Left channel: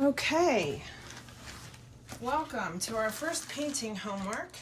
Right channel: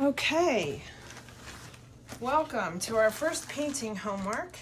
Okay, welcome to our first painting homework.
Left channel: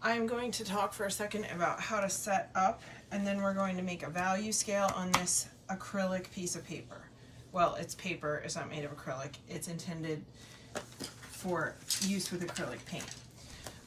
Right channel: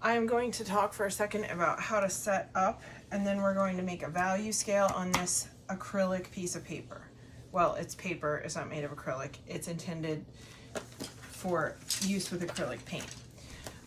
I'm going to talk for a second about how to set up, and then we're going to make a value scale on this acrylic piece of paper. Well, it's paper, it's not made of acrylic. It's intended for use with acrylic paint.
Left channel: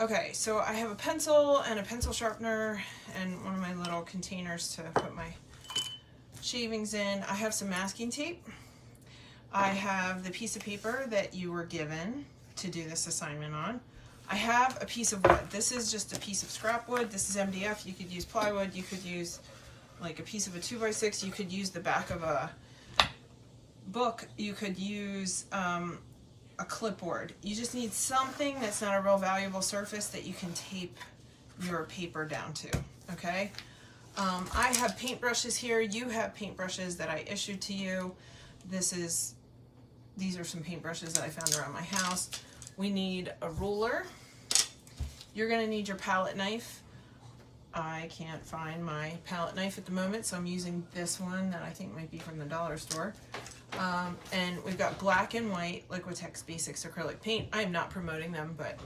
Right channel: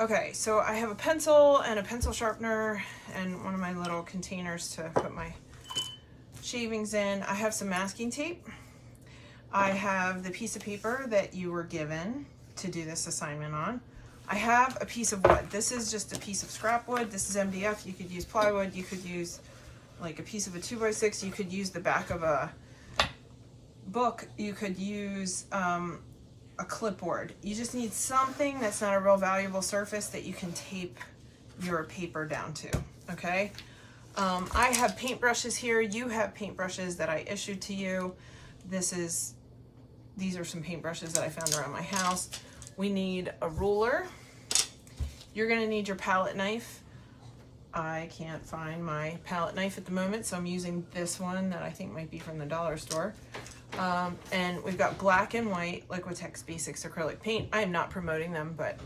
Okay, so I have a pencil and a pencil sharpener and one of my little containers to put my shavings in. I have some masking tape. I have the piece of paper that you were given to do this assignment on. I have a piece of wood. This is just a piece of scrap wood. This is MDF. You could use plywood. You could use like a piece of a 2x6. You could use the back of a book. You could use a clipboard. You just need something that's not a real valuable surface that you can tape your paper down to, okay? I have paintbrushes here. You have paintbrushes that I issued to you. These are some paintbrushes that I found around my house. We need a ruler. You're gonna need your palette knife. I can't find my palette knife at the moment, so I'm using this one that I think might be from the dollar store. And we've got black and white Liquitex Basics acrylic paint. I am not promoting them, but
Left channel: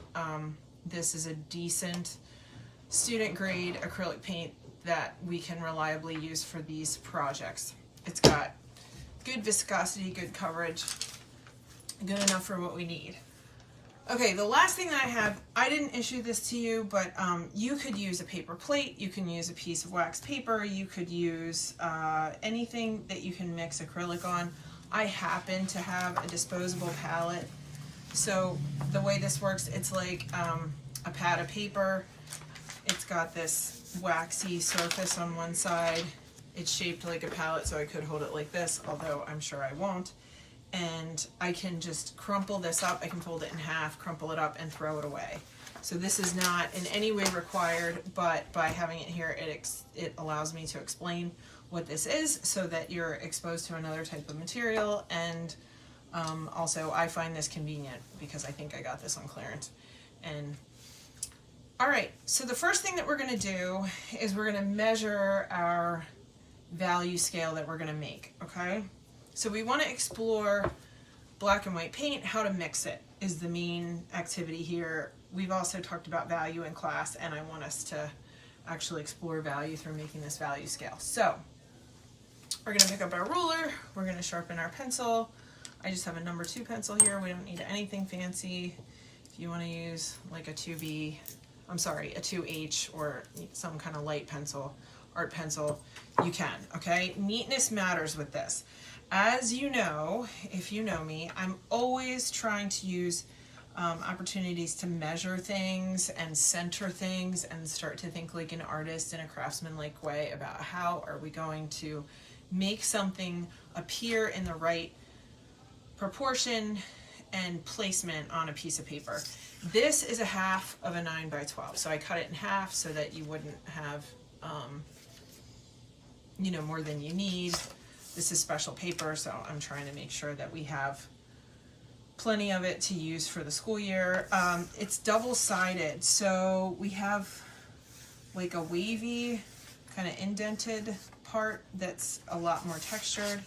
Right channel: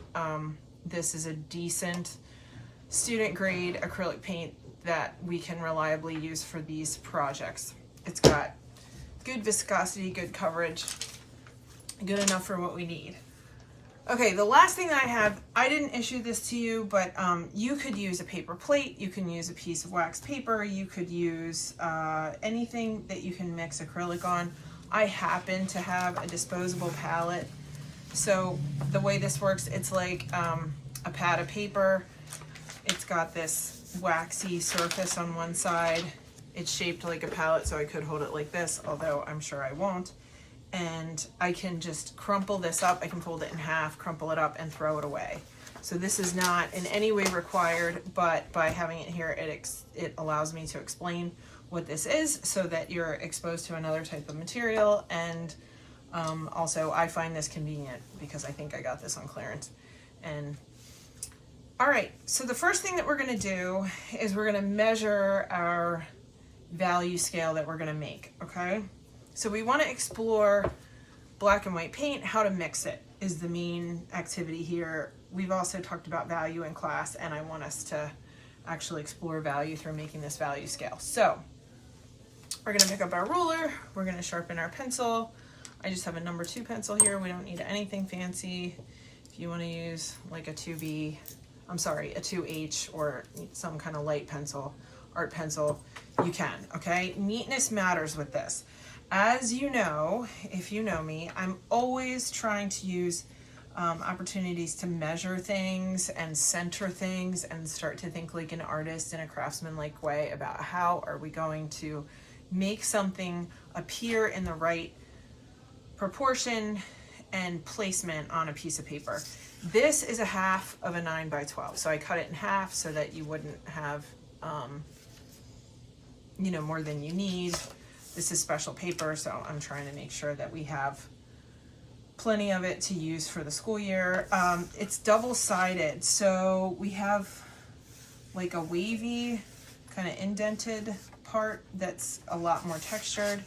this is a decent student grade acrylic paint that we can reliably use for these projects. It's got good viscosity, good coverage, good enough for what we need. Okay, the last thing that I have, I didn't issue this to you, but you could use a paper plate, you can use a piece of wax paper, you could use anything that you can mix acrylic on. I happen to have a disposable palette. So the way this works, it's like a pad of paper. It's got this waxy surface on one side. It's shaped like a palette, so I could hold it like this, although I'm sure I won't. And I can just crumple this up. I can fold it in half, crumple it up, and throw it away. So this is not in any way required, but by having it here, it allows me to explain what this is so that you're exposed to another type of material. And also, I find this convenient because I think I got this on clearance. And all right, so the first thing that we're gonna do is we're gonna measure our value scale that we're gonna make, okay? So we wanna explore black and white paint. How to mix it is the main activity here. We've also talked about value in class, and I want us to actually explore value through making this value scale. So we're gonna pick up our ruler, we're gonna sharpen our pencil. I just have a number 2 pencil here. We don't need anything fancy. If you wanna use like a 2B, a 2H or some kind of light pencil, art pencil, you can, okay? Neatness matters with this. As you know, if you know me, I'm always trying to use opportunities to measure things and center things and start to think like an artist in a craftsman-like way about how are we going to make something appear in the right proportion and placement on a piece of paper. This is a half of a 9x12, so I cut it in half so that you wouldn't have more than you need. This is special paper, so I'm trying to make sure that we have plenty of it to use for the school year. It's double-sided, so we have like a wavy, kind of indented part that's a lot more textured,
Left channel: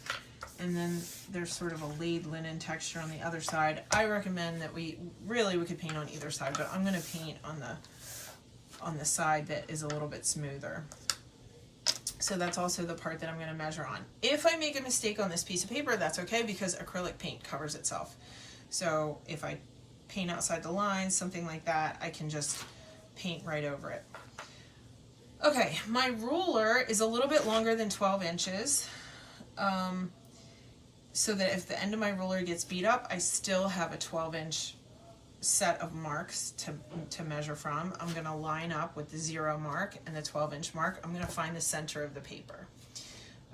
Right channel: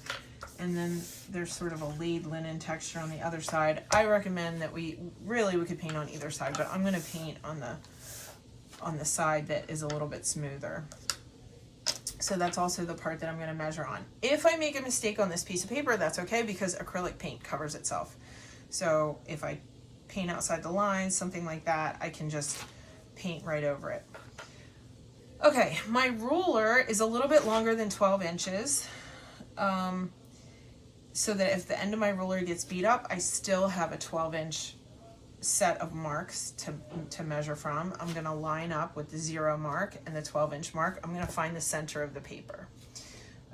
and then there's sort of a laid linen texture on the other side. I recommend that we could paint on either side, but I'm gonna paint on the side that is a little bit smoother. So that's also the part that I'm gonna measure on. If I make a mistake on this piece of paper, that's okay because acrylic paint covers itself. So if I paint outside the lines, something like that, I can just paint right over it. Okay, my ruler is a little bit longer than 12 inches. So that if the end of my ruler gets beat up, I still have a 12-inch set of marks to measure from. I'm gonna line up with the 0 mark and the 12-inch mark. I'm gonna find the center of the paper,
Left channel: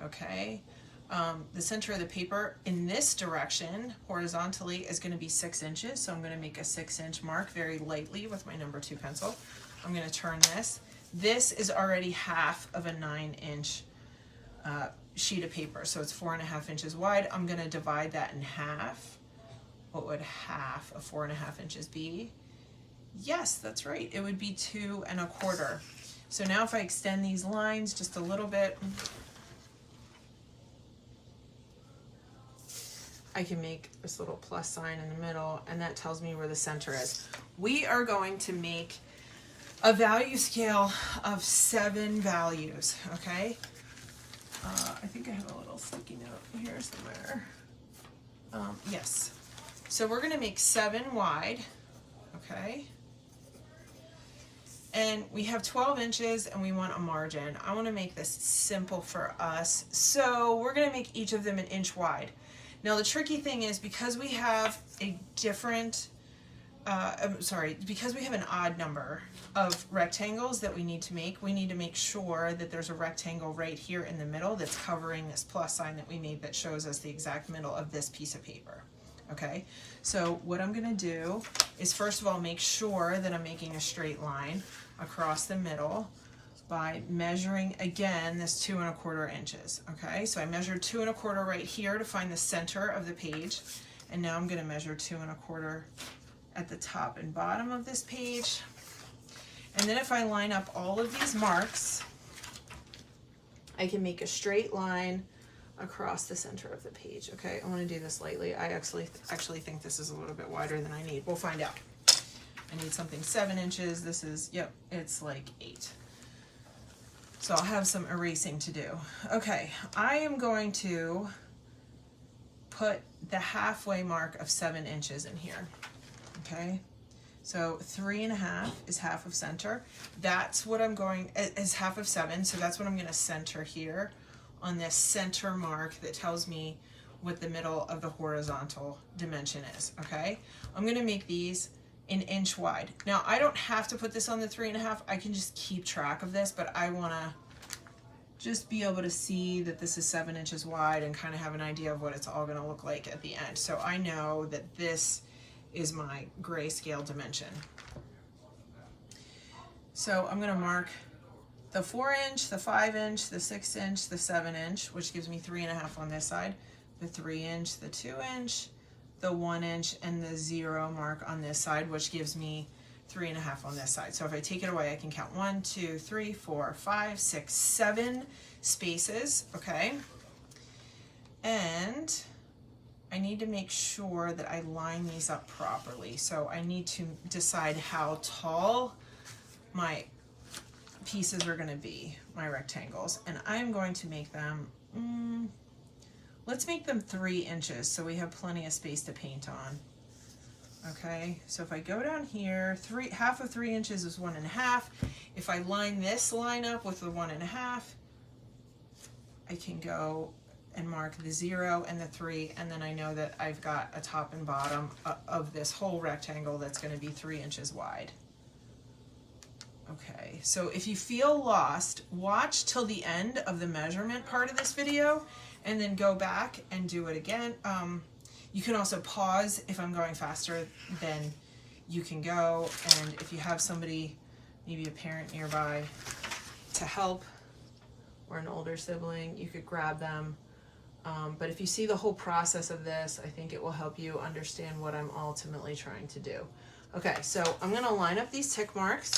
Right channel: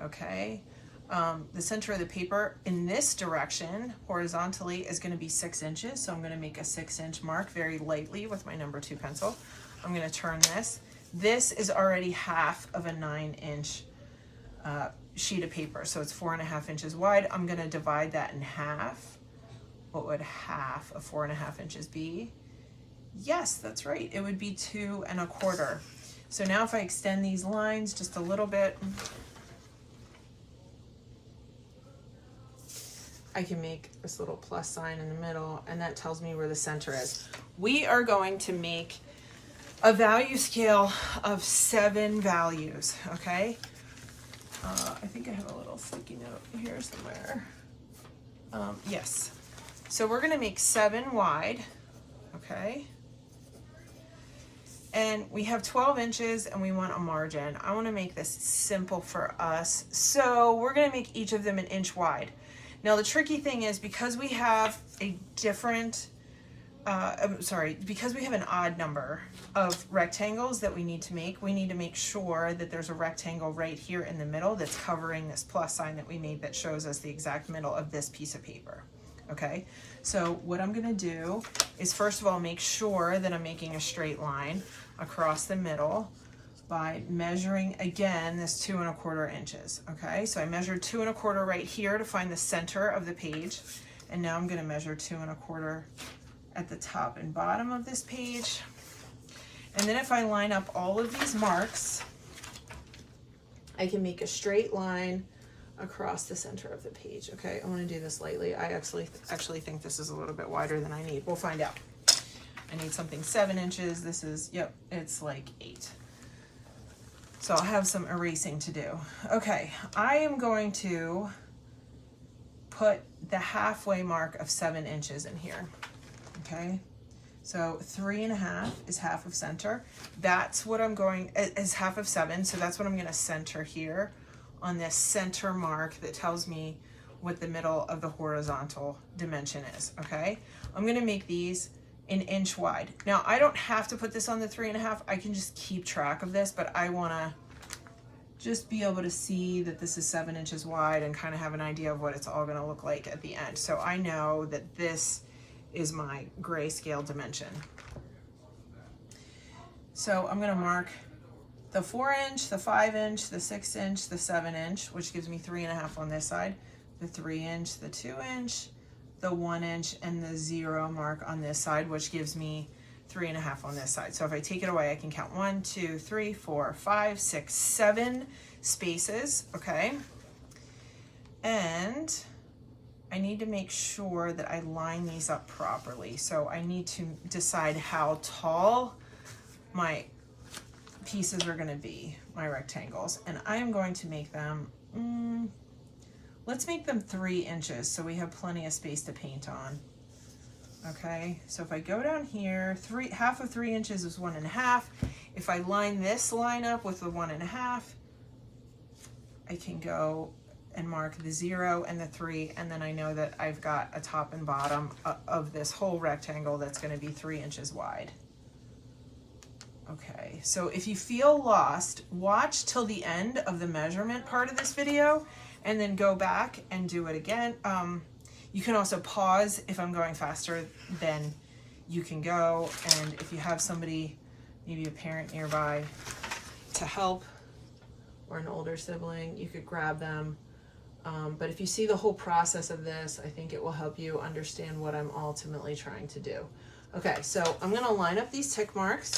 okay? The center of the paper in this direction, horizontally, is gonna be 6 inches. So I'm gonna make a 6-inch mark very lightly with my number 2 pencil. I'm gonna turn this. This is already half of a 9-inch sheet of paper. So it's 4.5 inches wide. I'm gonna divide that in half. What would half of 4.5 inches be? Yes, that's right. It would be 2 1/4. So now if I extend these lines just a little bit, I can make this little plus sign in the middle, and that tells me where the center is. We are going to make a value scale of 7 values, okay? I think I have a little sticky note here somewhere. Yes. So we're gonna make 7 wide, okay? And we have 12 inches and we want a margin. I wanna make this simple for us. So we're gonna make each of them an inch wide. Now the tricky thing is, because we have a different, because we have an odd number of rectangles that we need to make sure that there's a rectangle right here in the middle that's covering this plus sign that we made that shows us the exact middle of this piece of paper. Okay, so what I'm gonna do is, first of all, make sure that I'm making a straight line across the middle by measuring, again, this 2 1/4 inches. Okay, so I measured 2 1/4 right here to find the center of the page, and now I'm gonna measure 2 1/4 at the top and bottom of this page. And then if I line up all of these marks, I can make a straight line across the center of the page. Okay, I want to do this lightly. I actually think this is a little bit wider than I need. We'll find out. I need something 7 inches. This is, yep, it's like 8. So I'll have some erasing to do. Okay, I am going to put the halfway mark of 7 inches in here. Okay, so 3 1/2 is half of center. That's what I'm going, is half of 7. So that's what I'm going to center here on this center mark that tells me what the middle of the horizontal dimension is. Okay, I'm going to make these an inch wide. Now I don't have to put this on the 3 1/2. I can just keep track of this, but I want to just be able to see that this is 7 inches wide and kind of have an idea of what it's all going to look like at the end. So I know that this is my grayscale dimension. So I'm going to mark the 4 inch, the 5 inch, the 6 inch, the 7 inch, which gives me 3 1/2 on this side, the 3 inch, the 2 inch, the 1 inch, and the 0 mark on this side, which gives me 3 1/2 on this side. So if I take it away, I can count 1, 2, 3, 4, 5, 6, 7 spaces, okay? And I need to make sure that I line these up properly. So I need to decide how tall my pieces are gonna be, my rectangles. And I'm going to make them, let's make them 3 inches so we have plenty of space to paint on. Okay, so if I go down here, half of 3 inches is 1 1/2. If I line this line up with the 1 1/2, I can go and mark the 0 and the 3, and then I know that I've got a top and bottom of this whole rectangle that's going to be 3 inches wide. Okay, so if you feel lost, watch till the end of the measurement part of this video and then go back and do it again. You can also pause if I'm going faster than you can go, and if you have somebody, maybe a parent nearby to help, or an older sibling, you could grab them. But if you see the whole process of this, I think it will help you understand what I'm ultimately trying to do. Okay, so I'm gonna line up these tick marks,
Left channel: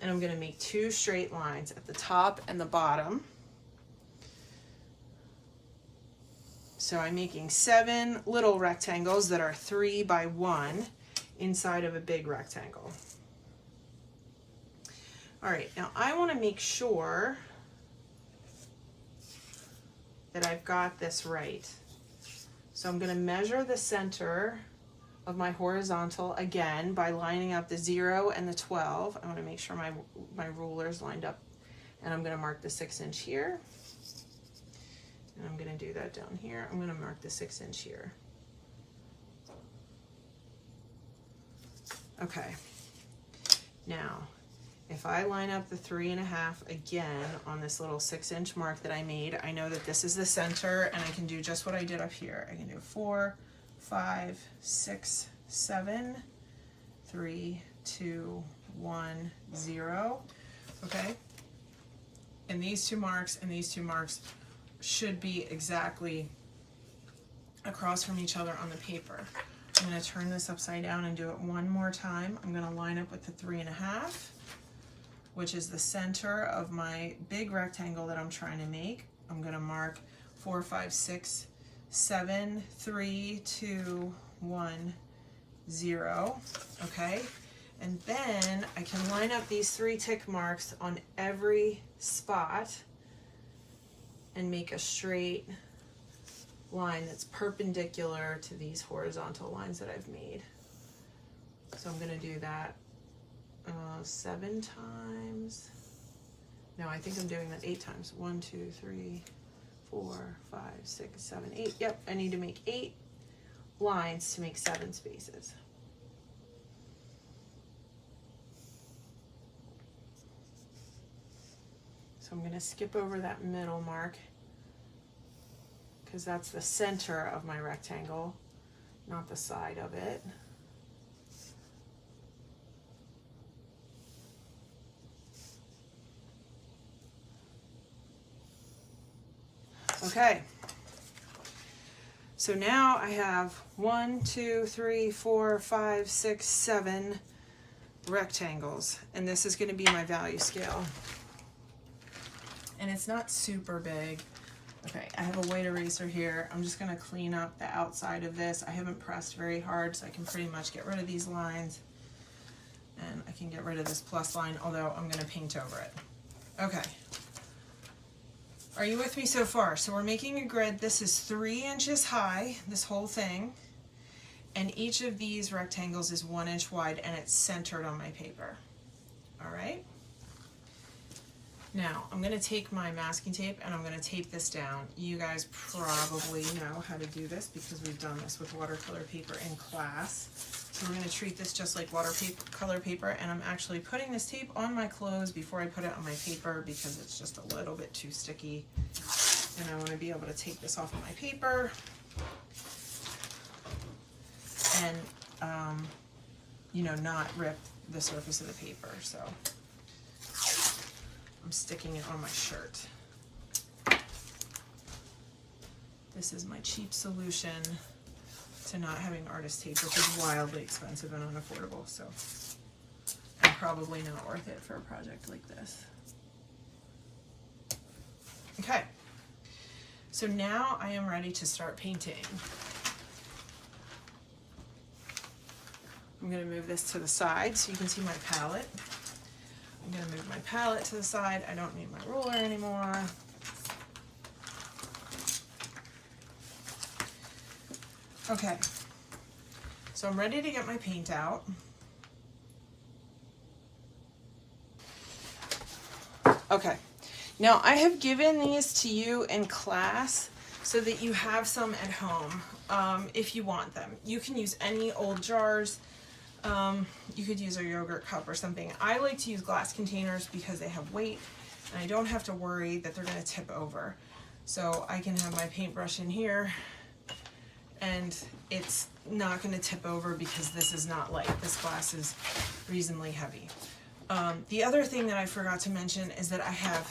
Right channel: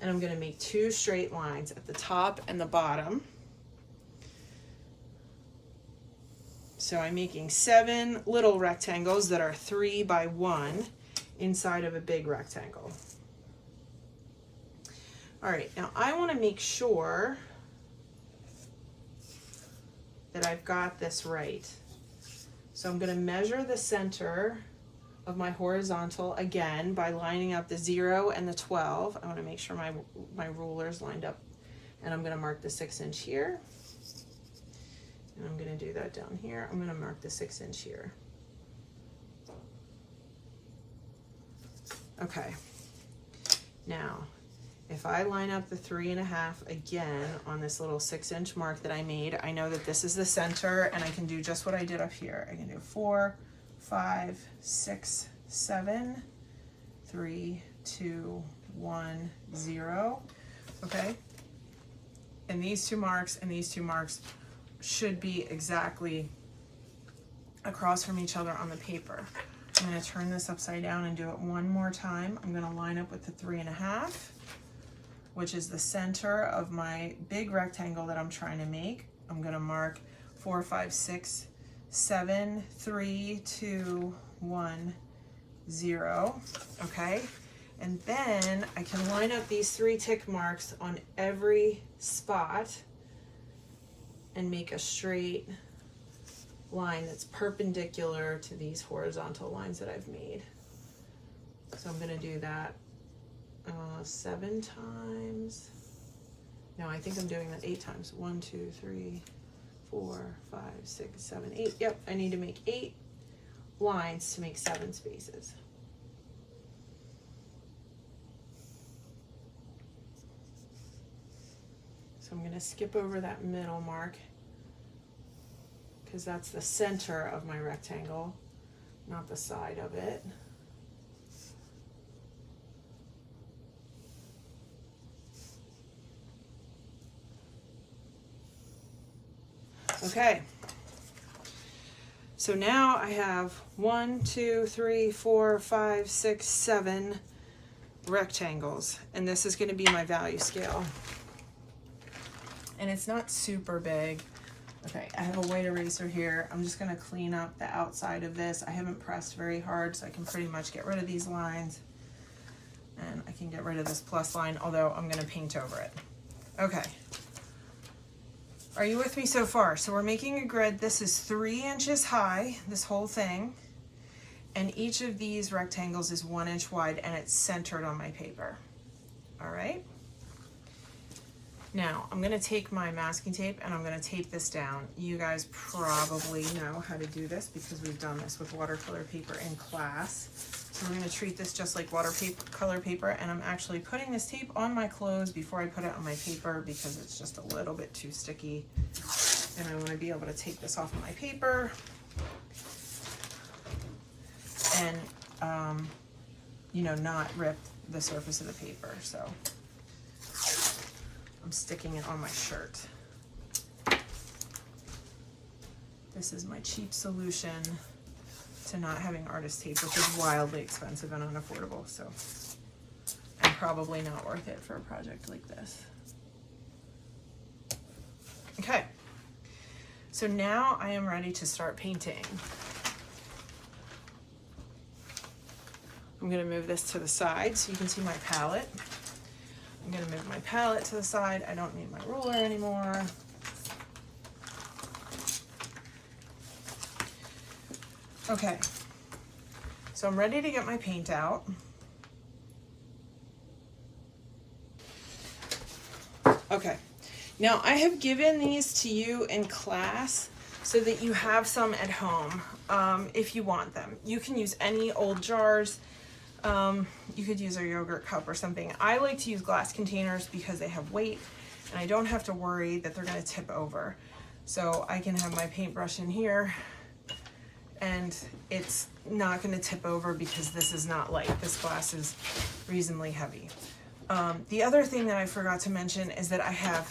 and I'm gonna make 2 straight lines at the top and the bottom. So I'm making 7 little rectangles that are 3 by 1 inside of a big rectangle. All right, now I wanna make sure that I've got this right. So I'm gonna measure the center of my horizontal again by lining up the 0 and the 12. I wanna make sure my ruler's lined up, and I'm gonna mark the 6 inch here. And I'm gonna do that down here. I'm gonna mark the 6 inch here. Okay, now, if I line up the 3 1/2 again on this little 6 inch mark that I made, I know that this is the center, and I can do just what I did up here. I can do 4, 5, 6, 7, 3, 2, 1, 0, okay? And these 2 marks and these 2 marks should be exactly across from each other on the paper. I'm gonna turn this upside down and do it one more time. I'm gonna line up with the 3 1/2, which is the center of my big rectangle that I'm trying to make. I'm gonna mark 4, 5, 6, 7, 3, 2, 1, 0, okay? And then I can line up these 3 tick marks on every spot and make a straight line that's perpendicular to these horizontal lines that I've made. So I'm gonna do that 7 times. No, I think I'm doing that 8 times. 1, 2, 3, 4, 5, 6, 7, 8. Yep, I need to make 8 lines to make 7 spaces. So I'm gonna skip over that middle mark because that's the center of my rectangle, not the side of it. Okay, so now I have 1, 2, 3, 4, 5, 6, 7 rectangles, and this is going to be my value scale. And it's not super big. Okay, I have a white eraser here. I'm just going to clean up the outside of this. I haven't pressed very hard, so I can pretty much get rid of these lines. And I can get rid of this plus line, although I'm going to paint over it. Okay. Are you with me so far? So we're making a grid. This is 3 inches high, this whole thing. And each of these rectangles is 1 inch wide, and it's centered on my paper. All right? Now, I'm gonna take my masking tape and I'm gonna tape this down. You guys probably know how to do this because we've done this with watercolor paper in class. So we're gonna treat this just like watercolor paper, and I'm actually putting this tape on my clothes before I put it on my paper because it's just a little bit too sticky. And I wanna be able to take this off of my paper and, you know, not rip the surface of the paper. So I'm sticking it on my shirt. This is my cheap solution to not having artist tape, which is wildly expensive and unaffordable, so and probably not worth it for a project like this. Okay, so now I am ready to start painting. I'm gonna move this to the side so you can see my palette. I'm gonna move my palette to the side. I don't need my ruler anymore. Okay, so I'm ready to get my paint out. Okay, now I have given these to you in class so that you have some at home if you want them. You can use any old jars. You could use a yogurt cup or something. I like to use glass containers because they have weight and I don't have to worry that they're gonna tip over. So I can have my paintbrush in here and it's not gonna tip over because this is not light. This glass is reasonably heavy. The other thing that I forgot to mention is that I have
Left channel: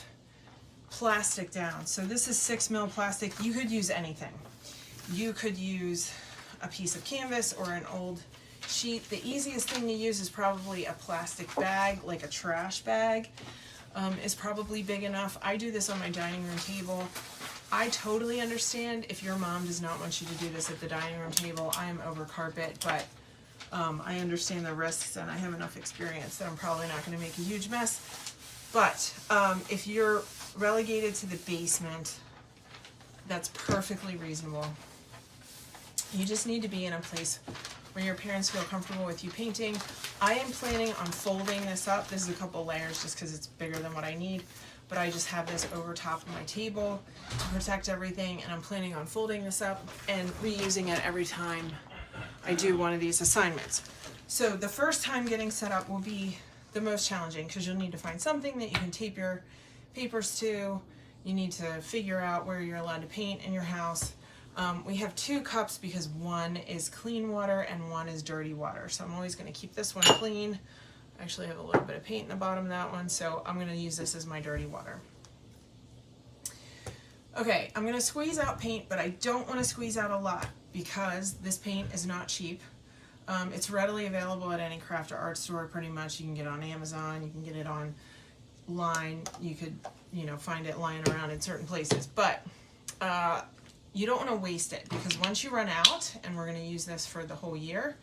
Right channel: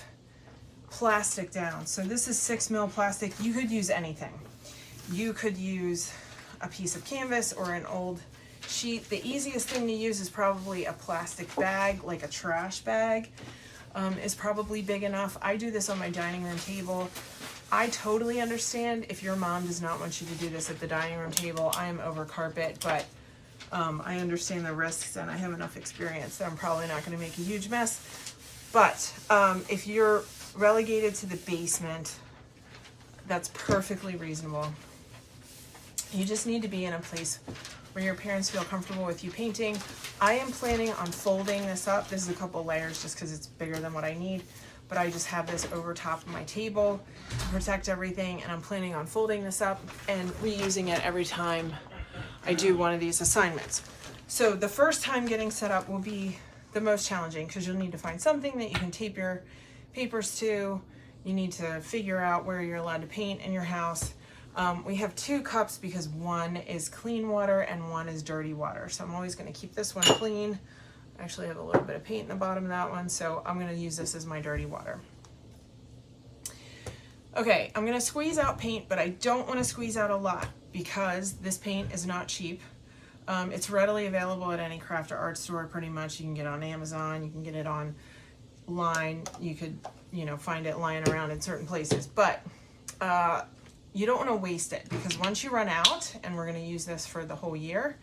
plastic down. So this is 6mm plastic. You could use anything. You could use a piece of canvas or an old sheet. The easiest thing to use is probably a plastic bag, like a trash bag, is probably big enough. I do this on my dining room table. I totally understand if your mom does not want you to do this at the dining room table. I am over carpet, but I understand the risks and I have enough experience that I'm probably not going to make a huge mess. But if you're relegated to the basement, that's perfectly reasonable. You just need to be in a place where your parents feel comfortable with you painting. I am planning on folding this up. This is a couple layers just because it's bigger than what I need, but I just have this over top of my table to protect everything, and I'm planning on folding this up and reusing it every time I do one of these assignments. So the first time getting set up will be the most challenging because you'll need to find something that you can tape your papers to. You need to figure out where you're allowed to paint in your house. We have 2 cups because one is clean water and one is dirty water. So I'm always going to keep this one clean. I actually have a little bit of paint in the bottom of that one, so I'm going to use this as my dirty water. Okay, I'm going to squeeze out paint, but I don't want to squeeze out a lot because this paint is not cheap. It's readily available at any craft or art store pretty much. You can get it on Amazon, you can get it online, you could, find it lying around in certain places. But you don't want to waste it, because once you run out, and we're going to use this for the whole year,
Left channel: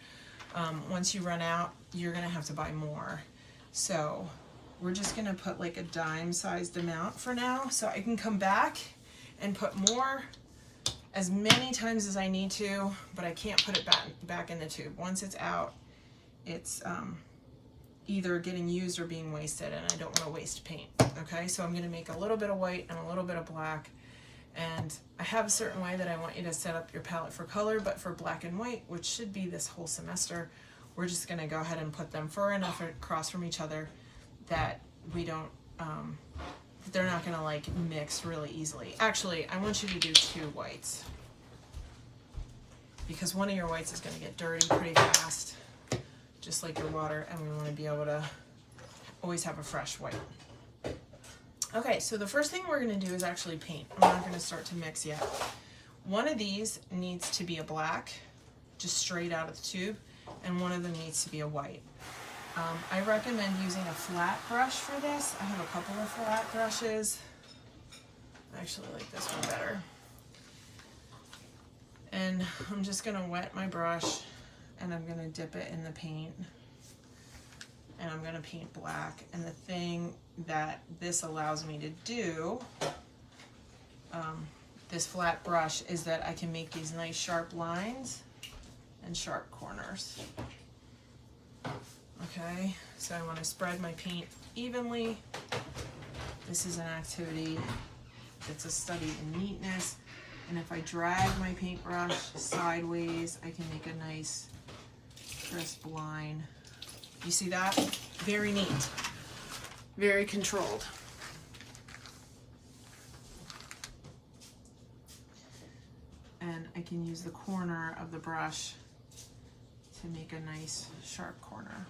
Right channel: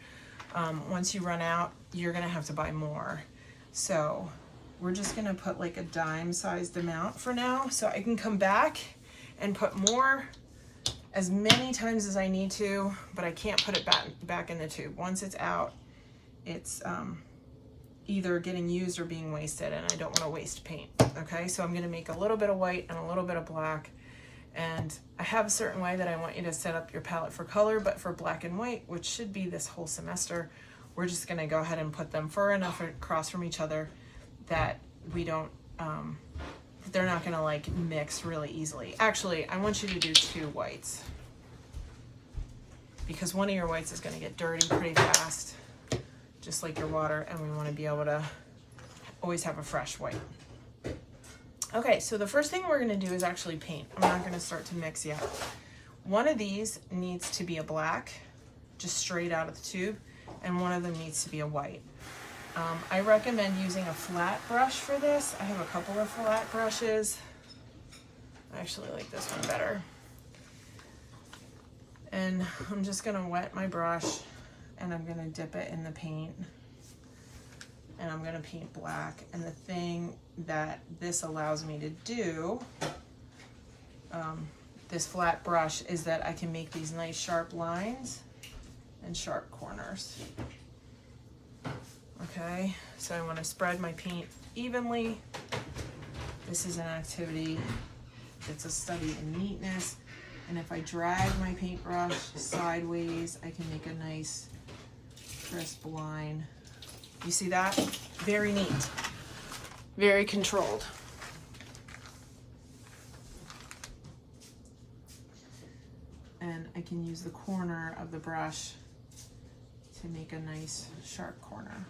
once you run out, you're going to have to buy more. So we're just going to put like a dime sized amount for now, so I can come back and put more as many times as I need to, but I can't put it back in the tube. Once it's out, it's either getting used or being wasted, and I don't want to waste paint. Okay, so I'm going to make a little bit of white and a little bit of black, and I have a certain way that I want you to set up your palette for color, but for black and white, which should be this whole semester, we're just going to go ahead and put them far enough across from each other that we don't they're not going to like mix really easily. Actually, I want you to do 2 whites, because one of your whites is going to get dirty pretty fast, just like your water, and we want to be able to always have a fresh white. Okay, so the first thing we're going to do is actually paint. I'm not going to start to mix yet. One of these needs to be a black, just straight out of the tube, and one of them needs to be a white. I recommend using a flat brush for this. I have a couple of flat brushes. I actually like this one better. And I'm just going to wet my brush, and I'm going to dip it in the paint, and I'm going to paint black. And the thing that this allows me to do, this flat brush, is that I can make these nice sharp lines and sharp corners. Okay, so I want to spread my paint evenly. This is an activity that's a study in neatness, and if I drag my paintbrush sideways, I can make a nice crisp line. You see that? Very neat, very controlled. And I can use the corner of the brush to make a nice sharp corner.